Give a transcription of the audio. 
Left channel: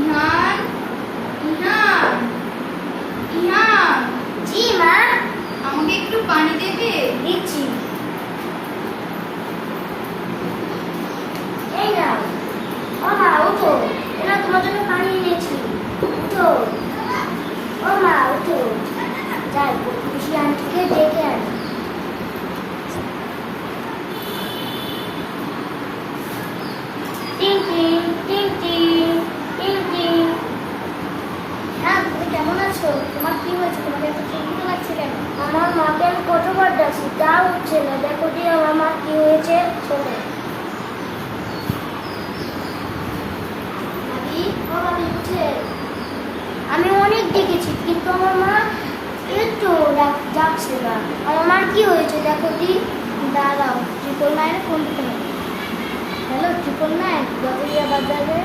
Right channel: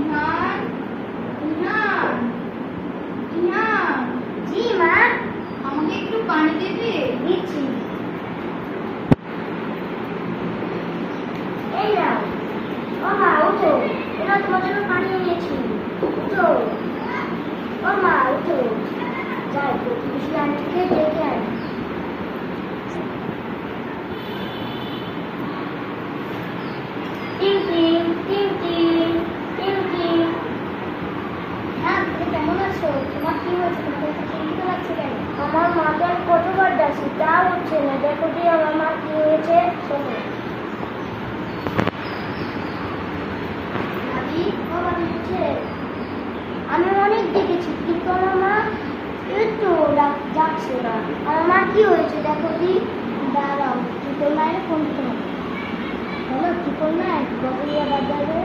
ইহান ইহান ইহান। জি মা। আমাকে একটু পানি দেবে? দিচ্ছি। এই নাও। ও মা ওঠো, এটা তোমার জন্য পানি এনেছি। উঠো। ও মা উঠো, যাই খুশি আন্টিকে ডেকে আনি। টিং টিং টিং টিং টিং টিং। হ্যাঁ, তুমি কেমন আছো? তোমার কি হয়েছে? তোমাকে এত চিন্তিত লাগছে কেন? আমার মাকে আমি কতবার ডাকছি, তা উঠছে না। দেখো কি আমার মা কি হয়েছে, শোনো। মাদি, ও মাদি উঠছে। আমি অনেক দেখেছি কিন্তু আমার মা একটু ডাকছে না। আমার মা কি হয়েছে দেখো কি। দাঁড়াও, 999 ফোন দিতে হবে। হ্যালো, 999 গজরিয়া বাজারে